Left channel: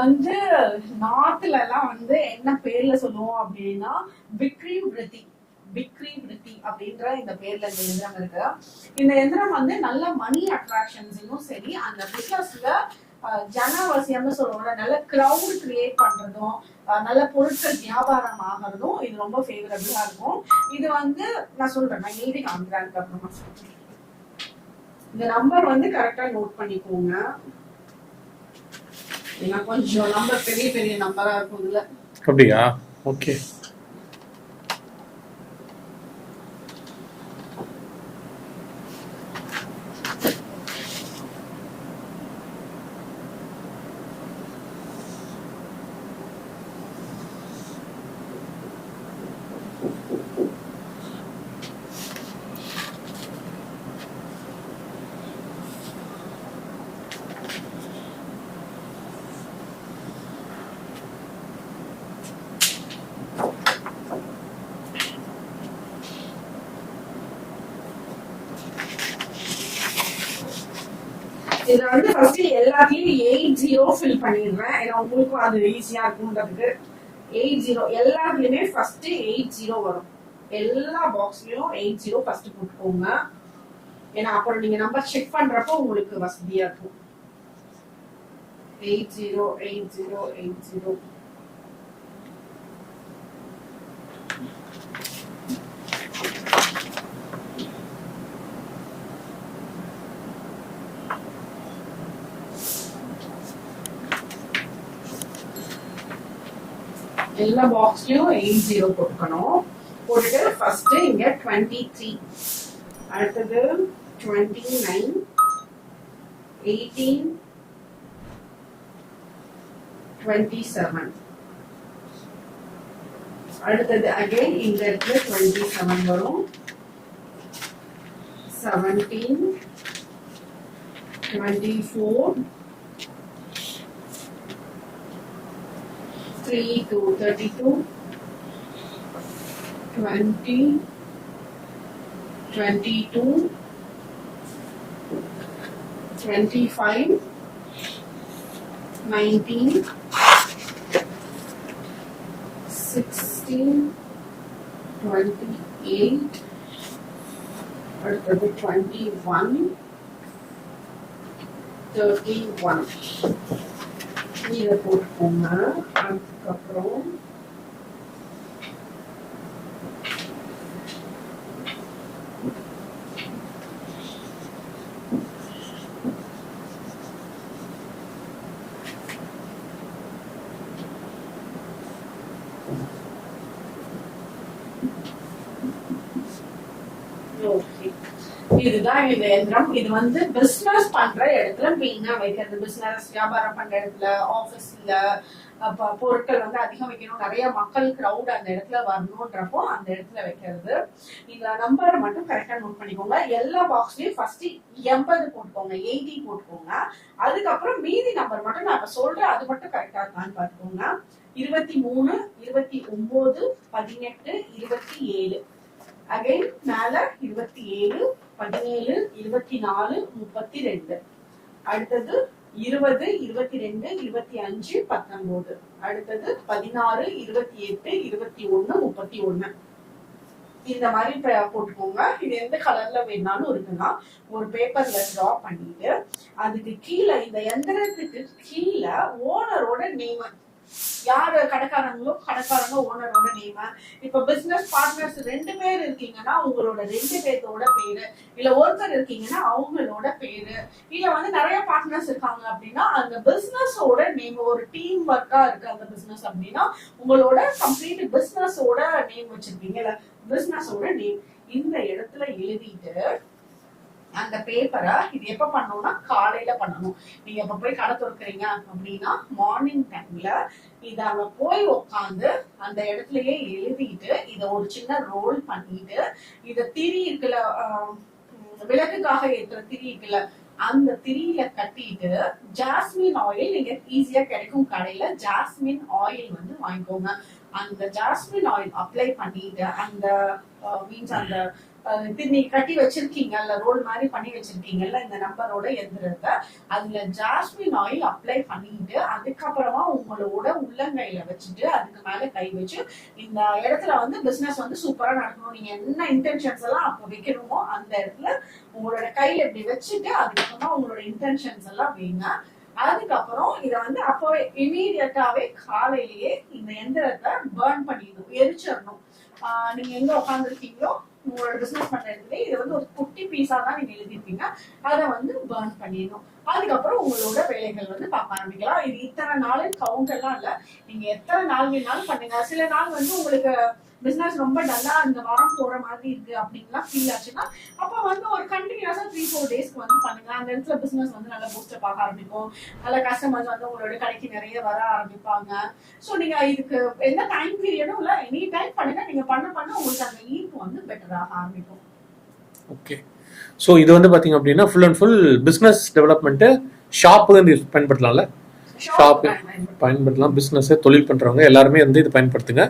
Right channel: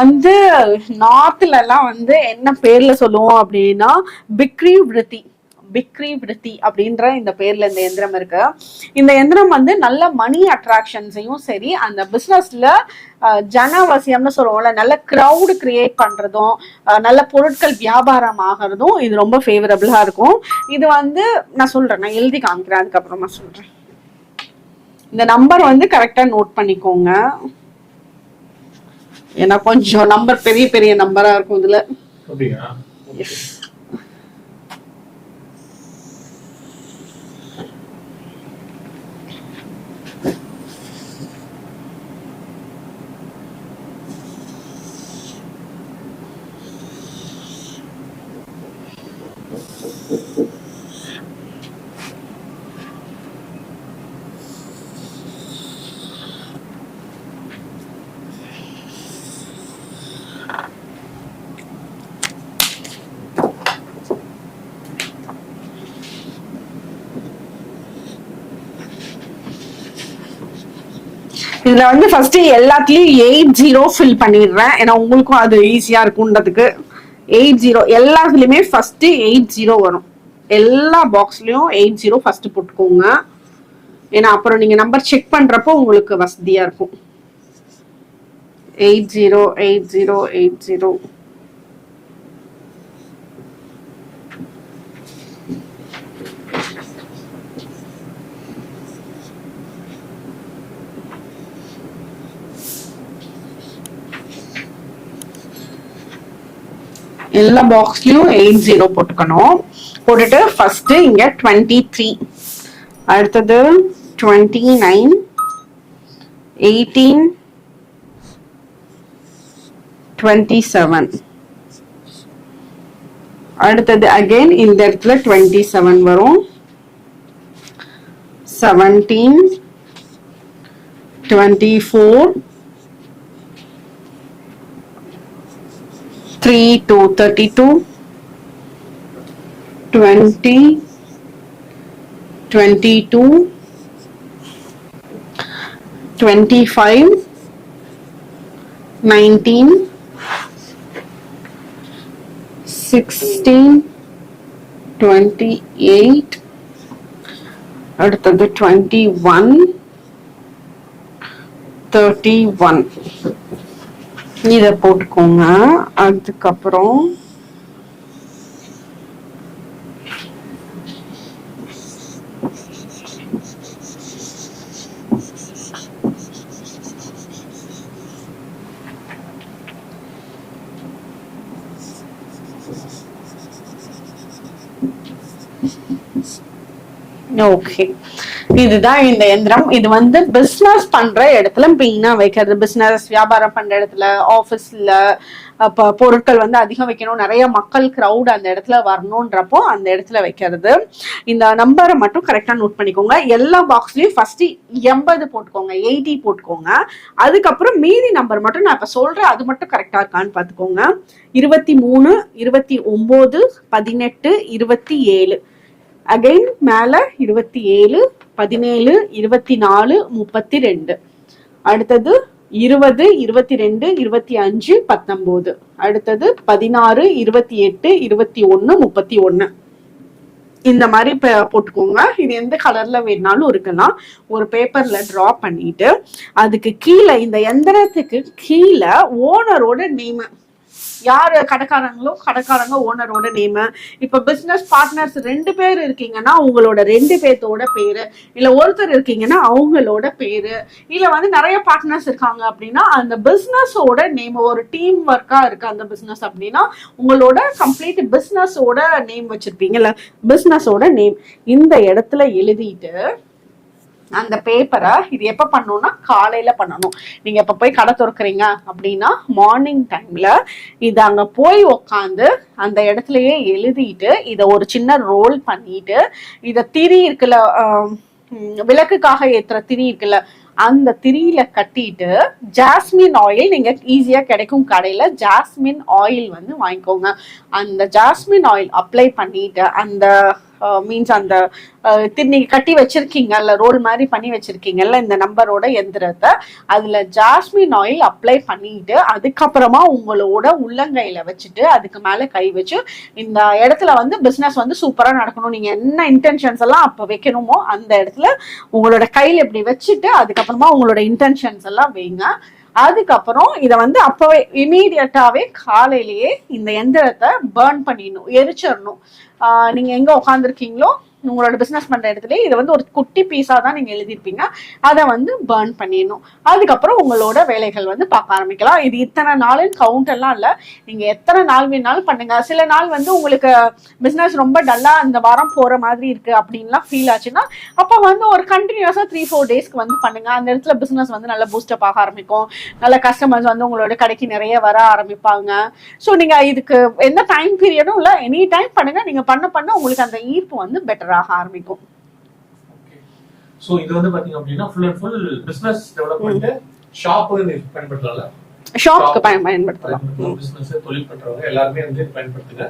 வந்து நார்த்ல எல்லாம் வந்து என்ன பேர்ல சொல்லுவோம் அப்படின்னா பிக்ரி விருத்தி பிக்ரி விருத்தி அப்படின்ற இந்த பேர்ல இந்த எந்திரம் இருக்கு. இந்த எந்திரம் வந்து நல்ல மணி அட்ராக்ஷன்ஸையும் சரி அந்த பிசினஸ்ல ஜனவசியம்னு சொல்லுவோம்ல நல்ல க்ரௌடு கிரியேட் பண்றதும் நல்ல பொருட்கள் வியாபாரம் ஆகிறதும் இது ரொம்ப ஃபேவரபிளா இருக்கும். இது வந்து நான் சொல்றேன் நான் எழுதி காமிக்கிறேன் அதுக்கப்புறமா சொல்றேன். இந்த நம்பர் வந்து கரெக்டா நோட் பண்ணிக்கோங்க. ஏன்னா கொஞ்சம் நம்பர் பெரிய பெரிய நம்பரா இருக்கும் இதுல. அப்படியா? ஓகே இதுல வந்து ஃபர்ஸ்ட் எல்லாத்துலயும் எயிட் ஜீரோ ஃபில் பண்ணிடுறேன். ஏன்னா உங்களுக்கும் அது ஈஸியா இருக்கும்ன்றதுக்கு எயிட் ஜீரோ எல்லாத்துலயுமே ஃபர்ஸ்ட் எயிட் ஜீரோ வரும். எல்லா பாக்ஸ்லயும் எயிட் ஜீரோ ஃபர்ஸ்ட் போட்டுக்கோங்க. ஏன்னா அப்புறம் நீங்க நம்பர் செக் பண்றப்போ உங்களுக்கு வசதியா இருக்கும். Eight zero eight zero eight zero எல்லா பாக்ஸ்லயும் எயிட் ஜீரோ போட்டுக்கணும். போட்டுட்டு ஃபர்ஸ்ட் இங்க டுவெண்ட்டி த்ரீ அடுத்தது twenty nine eighteen twenty seven அடுத்தது அகெயின் இந்த இடத்துல டுவெண்ட்டி செவன் வரும். Seventeen twenty four three two thirty two twenty twenty two twenty five nineteen sixteen twenty eight அடுத்தது டுவெண்ட்டி ஒன் தேர்ட்டி ஒன் இதை போட்டுக்கோங்க அதுக்கப்புறம் ஓகே இதுதான் இந்த எந்திரம் இது வந்து பிசினஸ் பண்ற இடத்துல மெயினா வைக்கிறது. பிசினஸ் வியாபாரம் பண்ற இடத்துல ஆபீஸ்ல பொருட்கள் வந்து அதிகம் வைக்கணும். நிறைய மக்கள் க்ரௌட் அந்த இடத்துல வரணுன்றப்போ அந்த இடத்துல வைக்கிறது. இந்த நம்பரை மட்டும் கரெக்டாக நோட் பண்ணிக்கோங்க. எல்லா பாக்ஸ்லையும் ஃபர்ஸ்ட் எண்பது போட்டுக்கோங்க. எயிட்டி போட்டுக்கோங்க. அதுக்கப்புறம் மீதி நம்பர் மட்டும் நான் இப்போ சொல்கிறேன் அது மட்டும் கரெக்டாக இருக்கான்னு பார்த்துக்கோங்க. இருபத்தி மூணு இருபத்தி ஒம்பது பதினெட்டு இருபத்தி ஏழு. அகைன் மேல இருபத்தி ஏழு பதினேழு இருபத்தி நாலு முப்பத்தி ரெண்டு. அடுத்தது இருபது இருபத்தி ரெண்டு இருபத்தி அஞ்சு பத்தொம்போது அடுத்தது பதினாறு இருபத்தி எட்டு இருபத்தி ஒன்னு முப்பத்தி ஒன்னு இந்த மாதிரி இப்போ போட்டுக்கோங்க. இது எந்த கலர்ல வேணாலும் இருக்கலாம். ஒரு பேப்பர்ல ட்ரா பண்ணிட்டு அதுக்கு கீழே இந்த எந்திரத்துக்கு கீழே ஓனரோட நேம் யார் கடைக்காரங்களோ கடைக்காரங்க ஓனரோட நேம் இப்போ பிஸ்னஸ் பார்ட்னர்ஸ் ரெண்டு பேர் இருக்கீங்கன்னா உங்களோட ரெண்டு பேர்த்தோட பேரு. இல்லை ஒருத்தர் இருக்கீங்கன்னா அவங்களோட பேரு. இல்லை வந்து நிறைய பார்ட்னர்ஸ் இருக்காங்க அப்படின்னா அந்த பிஸ்னஸோட நேம் ஒரு டீம் ஒர்க்கா இருக்கு அந்த பிஸ்னஸ் அப்படின்னா உங்களோட கம்ப்ளீட் பிஸ்னஸோட நேம் வச்சிருப்பீங்கல்ல. பிஸ்னஸோட நேம் இந்த இடத்துல எழுதிட்டு அந்த பேப்பரை இது எப்போ பண்ணணும்னா காலையில் பண்ணணும். நீங்கள் எப்போ போய் கடை திறக்கிறீங்க அப்படின்னா மார்னிங் டைமில் இது அங்கே போய் உக்காந்து அந்த இடத்துலயே எழுதிட்டு இதை ஒரு சின்ன ரோல் பண்ணிட்டு இதை திரி இருக்குல்ல விளக்குக்காக ஏற்றுற திரி இருக்குல்ல அந்த திரியில கட்டிட்டு ஜாஸ்மின் ஆயில் நீங்க ஈஸியா கிடைக்கும் கடையில ஜாஸ்மின் ஆயில் வந்து வாங்கிக்கோங்க. அந்த ஜாஸ்மின் ஆயில் அப்ளை பண்ணிட்டு அந்த Uh, மீன்ஸ் அந்த uh, அஹ், நீங்க கட்டி வச்சிருக்கீங்கல்ல ரோல் மாதிரி பண்ணி வச்சிருக்கீங்கல்ல இந்த நம்பரோட எந்திரத்தை அதுல ஜாஸ்மின் ஆயில் அப்ளை பண்ணிட்டு அதுக்கப்புறமா உங்களோட உள்ளங்கையில வச்சுட்டு அதுக்கு மேல கை வச்சு இந்த இடத்துல வந்து பிசினஸ் வந்து சூப்பரா நடக்கணும். நீங்க என்ன இன்டென்ஷன்ஸ் எல்லாம் அப்ப வைக்கணுமோ அந்த இடத்துல உங்களோட கையில இப்படி வச்சுட்டு அதுக்கப்புறமா உங்களோட இன்டென்ஷன்ஸ் எல்லாம் வைங்க. அதுக்கப்புறம் இதை வந்து அப்பவே இமீடியட்டாவே காலையிலேயே இந்த எந்திரத்தை பேர்ன் பண்ணிடணும் எரிச்சிடணும். ஆஹ் நீங்க எங்க உட்காந்துருக்கீங்களோ உங்களோட பிசினஸ் பண்ற இடத்துல இதை வந்து ஒரு குட்டி பீஸா தான் நீங்க எழுதியிருப்பீங்க. அதை வந்து பேர்ன் பண்ணிடணும். அதுக்கப்புறம் உங்களோட வேலைகள் வந்து பார்க்க ஆரம்பிக்கலாம். இது இத்தனை நாளுன்னு கவுண்ட் எல்லாம் இல்ல. நீங்க எத்தனை நாள் வேணாலும் பண்ணுங்க. சில நாள் வந்து உங்களுக்கு பிசினஸ் ரொம்ப டல்லா அந்த வாரம் போற மாதிரி இருக்கு அப்படின்லாம் ஃபீல் ஆச்சுன்னா அப்ப வந்து ஒரு கண்டினியூஸா த்ரீ ஃபோர் டேஸ்க்கு வந்து பண்ணுங்க. அந்த இடத்துல பிசினஸ் வந்து நல்லா பூஸ்டப் ஆக ஆரம்பிக்கும். நல்ல கஸ்டமர்ஸ் வந்து உங்களோட கடைக்கு நிறைய வர ஆரம்பிப்பாங்க. ஸோ நீங்க இதுக்கு எந்த டைம் பீரியடும் இல்லை. எனி டைம் பண்ணுங்க. நீங்க பண்ண பண்ண உங்களுக்கு அந்த ஈர்ப்பு வந்து ஆக ஆரம்பிக்கும் ஓகே ஸோ இது வந்து பாத்தீங்க அப்படின்னா full and full business development shop பயன்படுத்தலாம்ல. பயன் பயன்படுத்தலாம். பிசினஸ் தொழில் பண்றவங்க எல்லாருமே வந்து இது பயன்படுத்துங்க.